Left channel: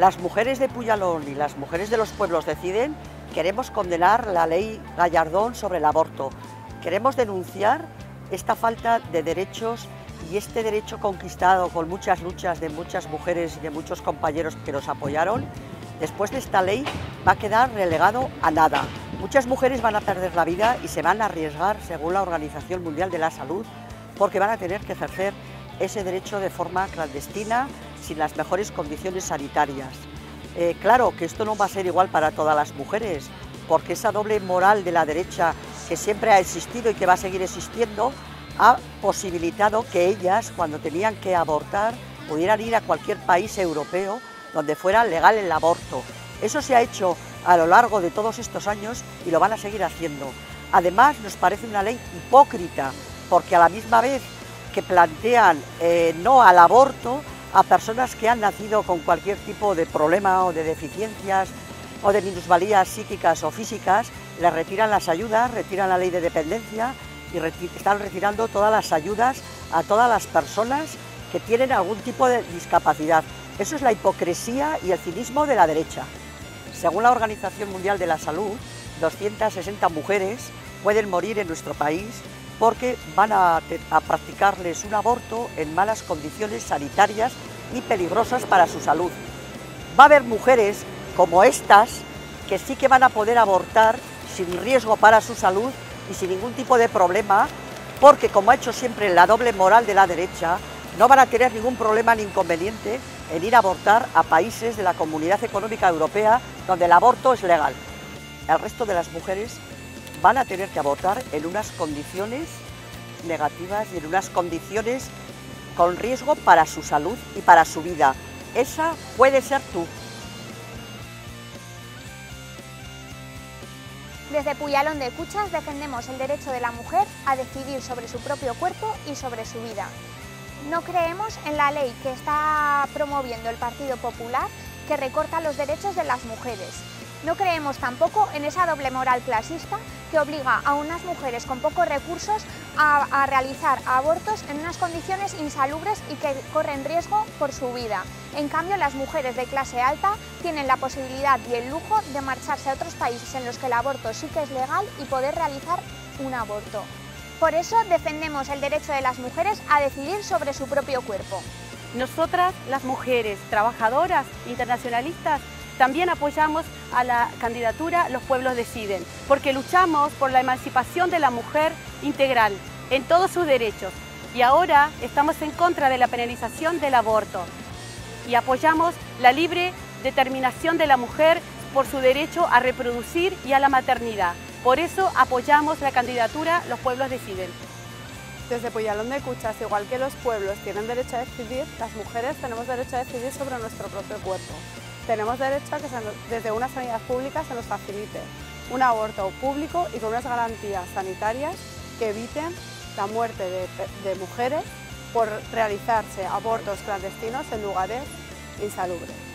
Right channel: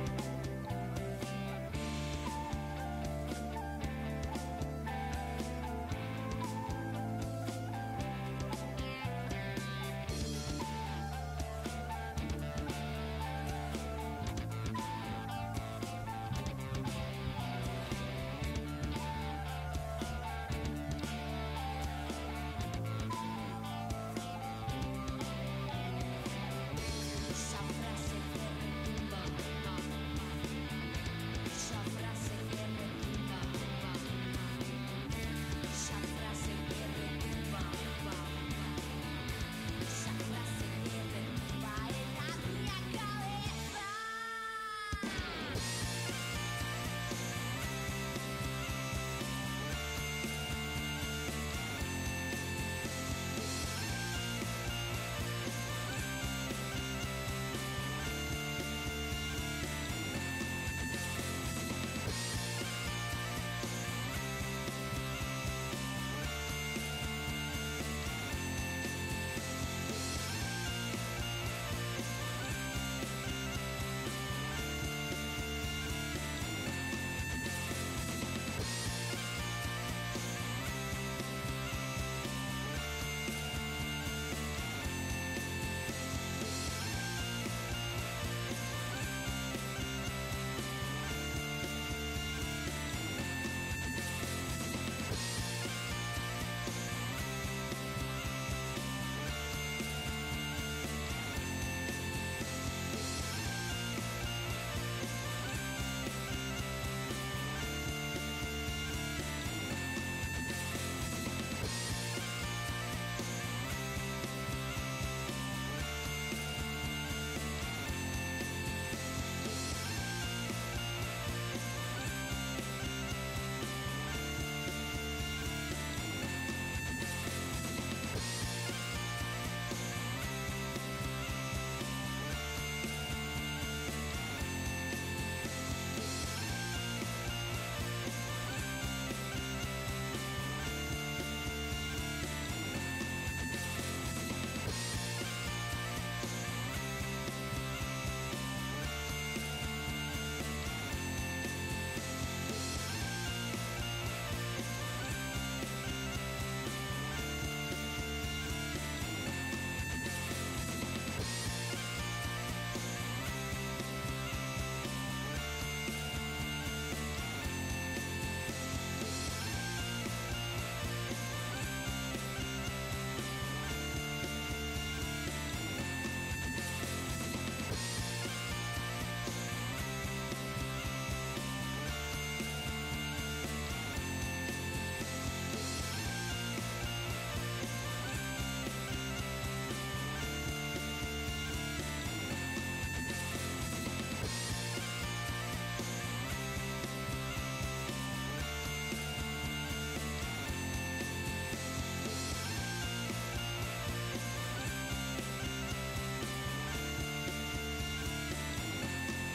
Las mujeres de Puyalón y las mujeres de los pueblos deciden, queremos condenar la ley Gallardón sobre el aborto. Queremos denunciar esta falta de derechos y este derecho conquistado con muchas luchas de muchas mujeres y de muchos compañeros que nos apoyaron. Después de esta ley va a quedar relegado a nada. Muchas mujeres van a perder la vida y se van a arriesgar, según la Organización Mundial de la Salud, porque van a tener que ejercer ese derecho de forma clandestina, sin las mejores condiciones sanitarias. Claro que esto no va a ser igual para todas las mujeres, porque esa doble moral de la derecha que siempre ha existido y que va a seguir existiendo, ha posibilitado que ellas, cuando tenían que abortar, pudieran ir a cualquier país europeo donde fuera legal el aborto. Eso se ha hecho a lo largo de todos estos años y lo van a seguir haciendo. Además, nos parece una ley hipócrita, porque a la misma vez que plantean no al aborto a personas que han nacido con cualquier tipo de problema o de deficiencias o de minusvalías psíquicas o físicas, les retiran las ayudas, retiran la ley de dependencia y están retirando todas las ayudas a todas las personas que tienen algún tipo de discapacidad. Eso es la hipocresía y el cinismo de la derecha. Según la Organización Mundial de la Salud, 260 mujeres pueden morir en nuestro país porque van a practicarles un aborto en malas condiciones sanitarias y peligrosas para su salud. Va a haber mujeres como estas que sí que van a poder abortar sin riesgo para su salud y sin ningún tipo de problema, porque como ha hecho siempre la doble moral de la derecha, no van a tener ningún problema ni inconveniente en ir a abortar a países de la Comunidad Económica Europea donde el aborto es legal. El resto de las mujeres van a tener que abortar en unas condiciones negativas y en unas condiciones con riesgo para su salud y para su vida. Esa puede ser tú. Desde Puyalón de Cuchas defendemos el derecho de la mujer a decidir sobre su propio cuerpo y sobre su vida. No creemos en la ley que está promoviendo el Partido Popular, que recorta los derechos de las mujeres. No creemos tampoco en esa doble moral clasista que obliga a unas mujeres con pocos recursos a realizar abortos en unas condiciones insalubres y que corren riesgo por su vida. En cambio, las mujeres de clase alta tienen la posibilidad y el lujo de marcharse a otros países en los que el aborto sí que es legal y poder realizar un aborto. Por eso defendemos el derecho de las mujeres a decidir sobre su propio cuerpo. Nosotras, las mujeres trabajadoras, internacionalistas, también apoyamos a la candidatura Los Pueblos Deciden, porque luchamos por la emancipación de la mujer integral en todos sus derechos. Y ahora estamos en contra de la penalización del aborto y apoyamos la libre determinación de la mujer por su derecho a reproducir y a la maternidad. Por eso apoyamos la candidatura Los Pueblos Deciden. Desde Puyalón de Cuchas, igual que los pueblos tienen derecho a decidir, las mujeres tenemos derecho a decidir sobre nuestro propio cuerpo. Tenemos derecho a que desde una sanidad pública se nos facilite un aborto público y con unas garantías sanitarias que eviten la muerte de mujeres por realizarse abortos clandestinos en lugares insalubres.